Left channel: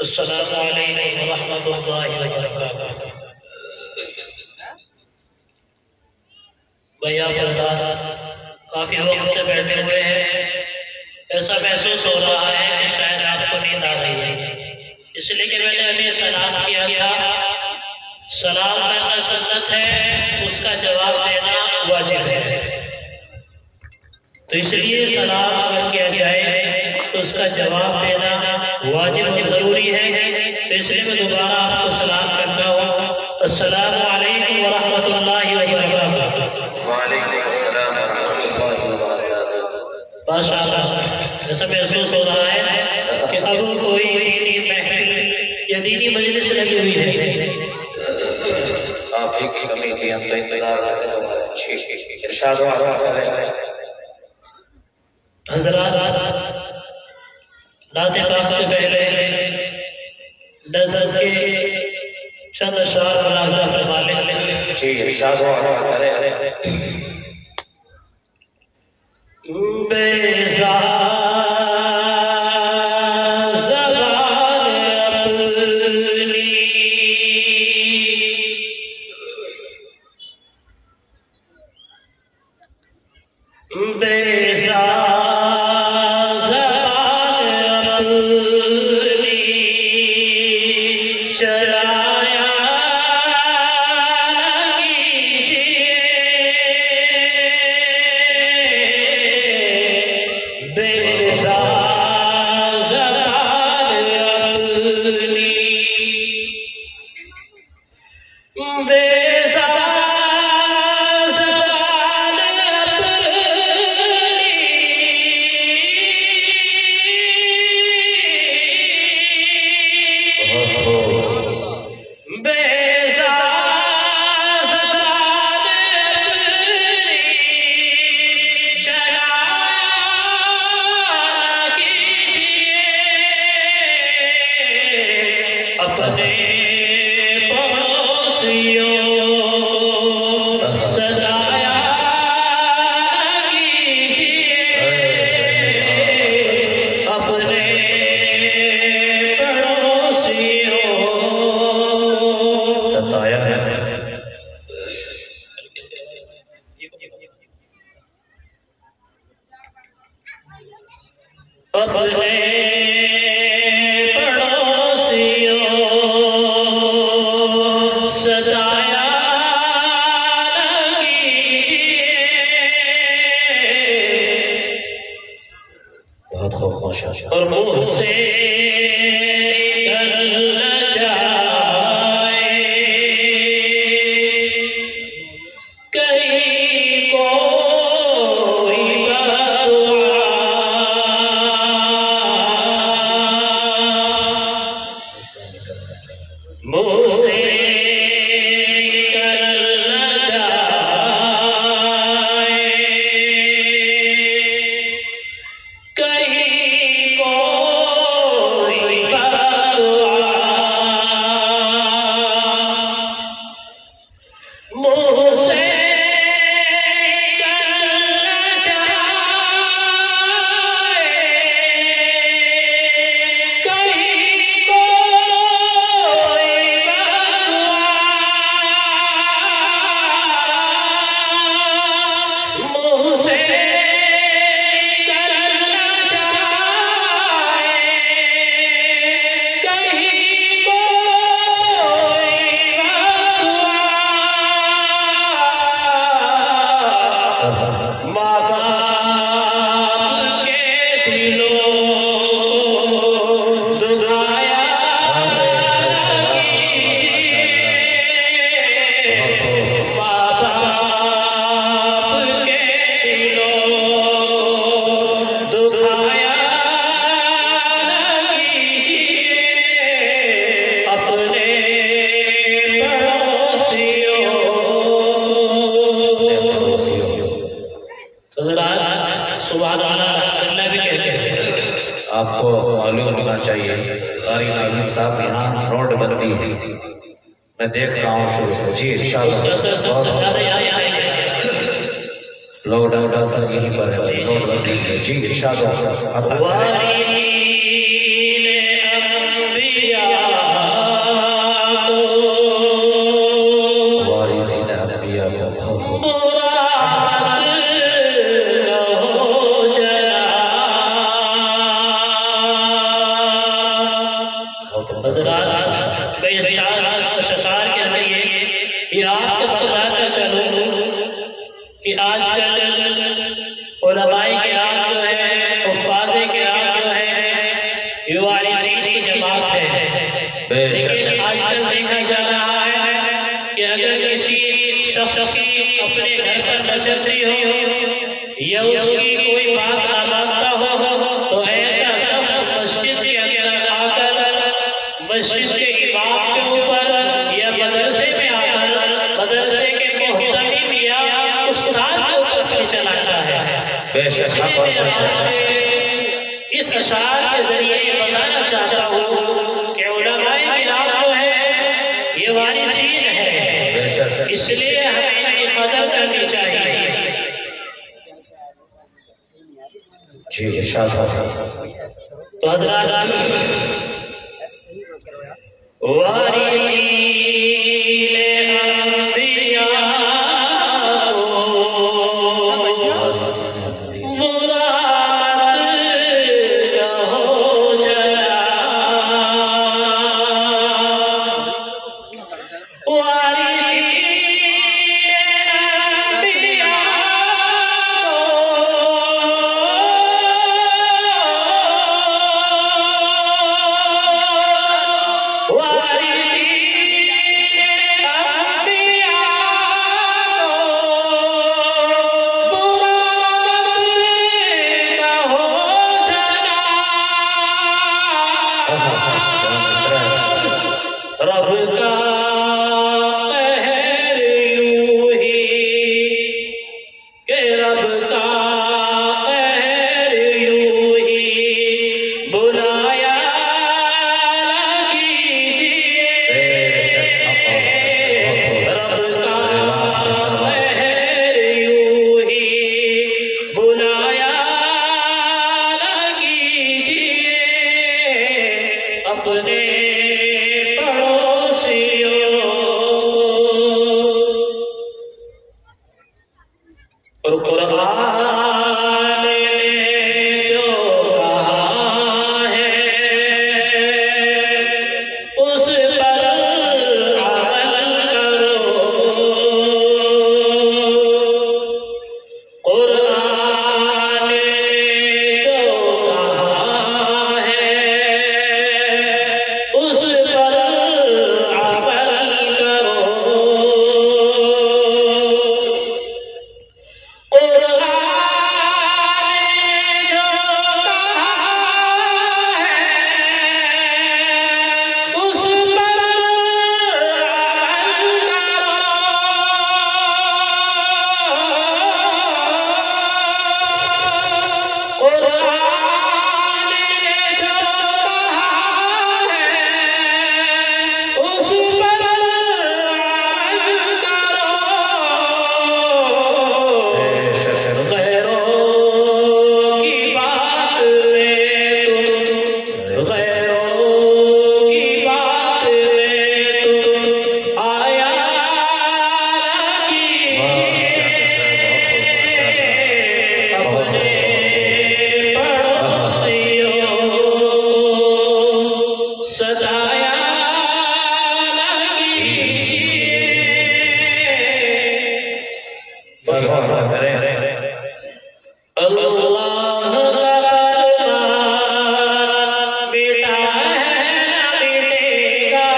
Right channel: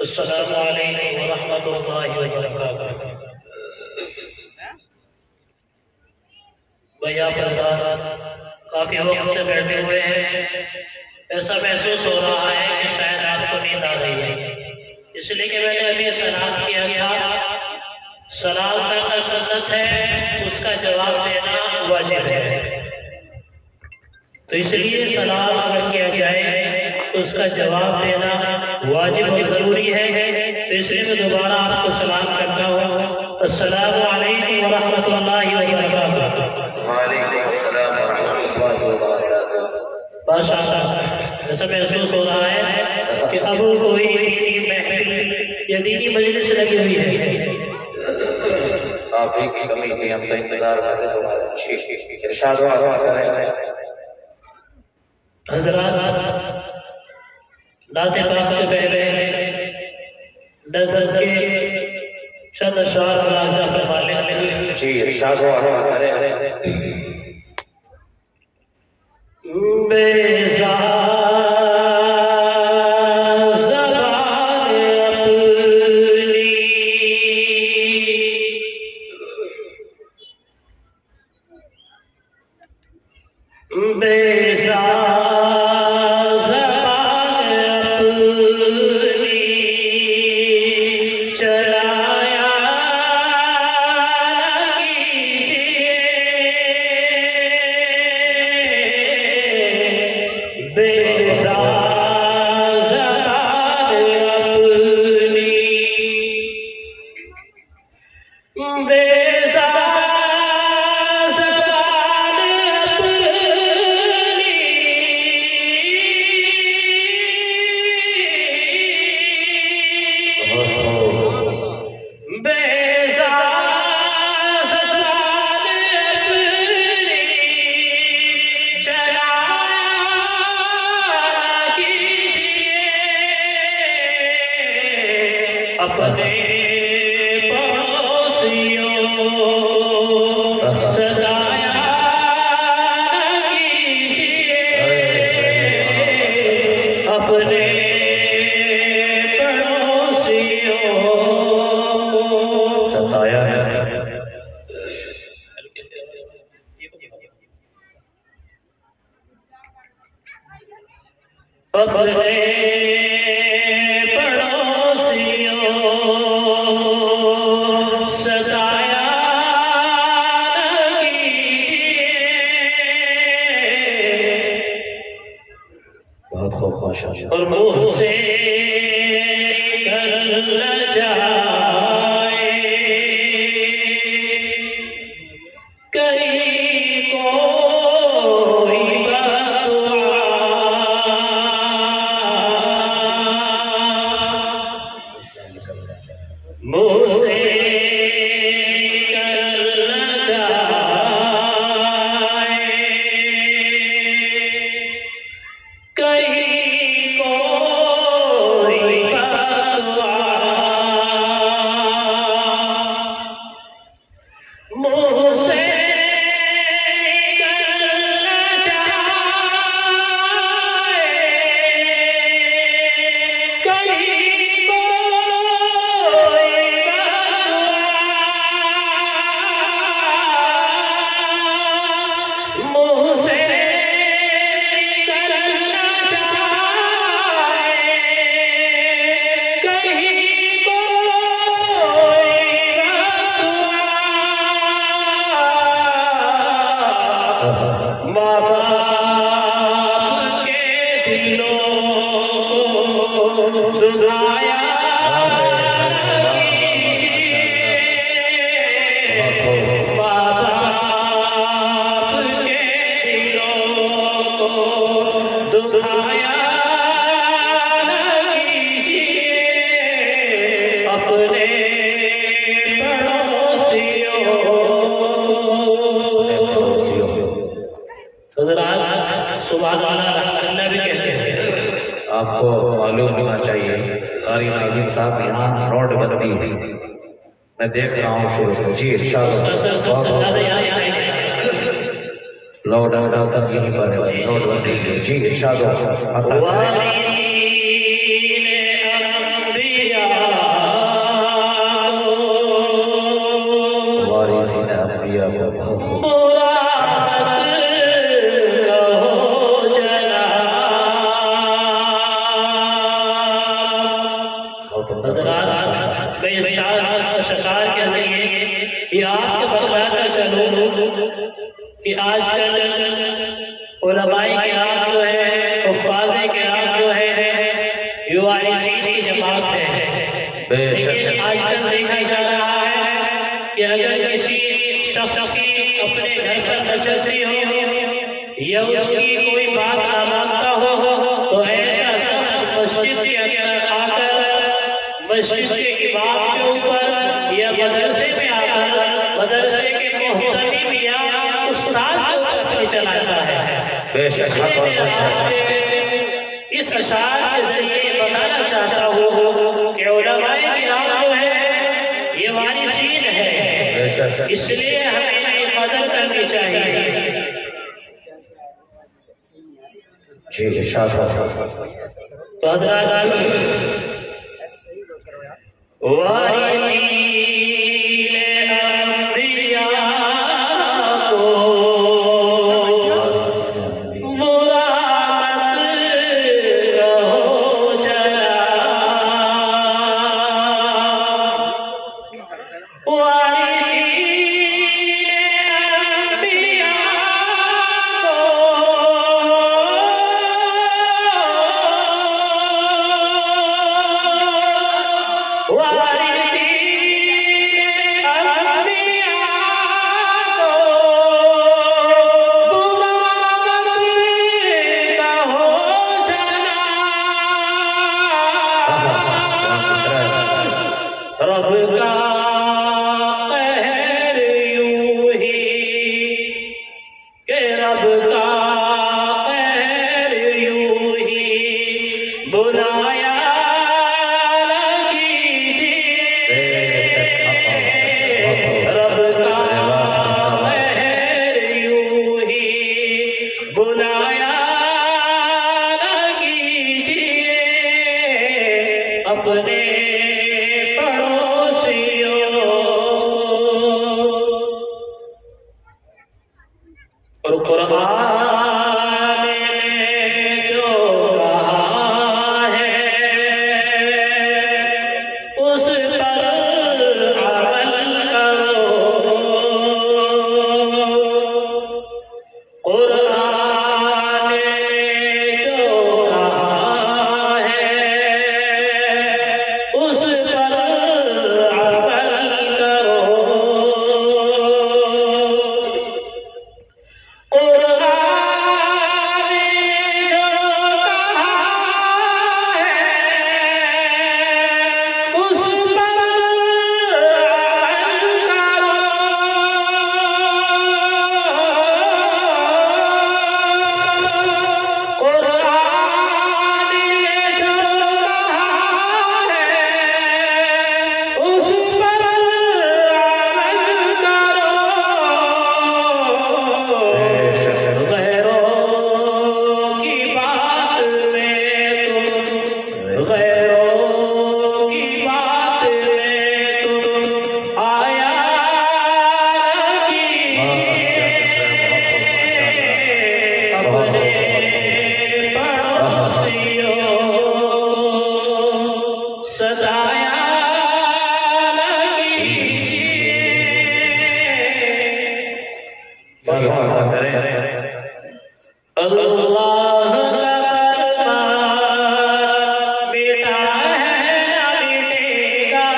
السلام علیکم ورحمۃ اللہ وبرکاتہ۔ بھائی آپ حضرات کافی وقت سے بیٹھے ہوئے ہیں، ایسا محسوس ہو رہا ہے کہ شاید آپ کو نیند آ رہی ہے، اس لیے کہ میں نے ابھی سلام کیا تھا۔ سلام کرنا سنت ہے، اس کا جواب دینا واجب ہے، تو اس لیے سلام اگر کیا جائے تو اس کا جواب دینا واجب اور ضروری ہے، تو اس لیے میں دوبارہ آپ کو سلام کرتا ہوں۔ السلام علیکم ورحمۃ اللہ وبرکاتہ۔ وعلیکم السلام ورحمۃ اللہ وبرکاتہ۔ ماشاء اللہ، ایسا محسوس ہو رہا ہے کہ اب کوئی دینی محفل یا دینی مجلس لگی ہوئی ہے۔ آپ ہی کی کمی تھی، ہم تو انتظار میں تھے تمہارے۔ ارشاد و عطا کریں۔ حضرات، نعت پاک سے پہلے نظر کے چند اشعار ملاحظہ فرما لیں۔ جی ارشاد و عطا کریں۔ اور منہ سے نکل نہ جائے کہیں کوئی بددعا، منہ سے نکل نہ جائے آپ کو معلوم ہونا چاہیے قاری ناظم صاحب یہاں روڈ بندی ہے، میں دیکھ رہا ہوں شروع سے۔ جی ارشاد لوگ ڈاکٹر صاحب یہیں پر ہے، روڈ بندی ہے۔ جی ارشاد عطا کریں۔ حضرات میں اس اشعار کے لیے یہ آپ کو بتلاتا چلوں کہ آج کل علماء کرام جو ہے، حفاظ کرام جو ہے، یہ وارثین کی جماعت ہے، لیکن آج کل دیکھا جا رہا ہے کہ اگر کسی شخص کی اپنے گھر پر نچلتی ہو یا اس کی کوئی بات نہ مانتا ہو تو ایسا شخص مسجد کے اندر آ کر مسجد کے امام کے اوپر یا مدرسے میں آ کر مدرسے کے محتمم یا استاد کے اوپر بھی چلاتا ہے۔ اس اشعار کے ذریعے یہ بتانا چاہتا ہوں کہ علماء کرام جو ہے یہ وارثین ہے، اس لیے ہمیں ان کی قدر کرنی چاہیے۔ جی ارشاد ہو۔ تو حضرات وارثین انبیاء رب کا قہر یوں ہی کہ رب کا قہر یوں ہی بنایا نہ کیجیے، رب کا قہر یوں ہی بنایا نہ کیجیے، اپنے اور قرآن نے جو کہا ہے اس پر عمل کرو، قرآن نے جو کہا ہے اس پر عمل کرو، اللہ بیٹا ہے نہ بیٹے گا،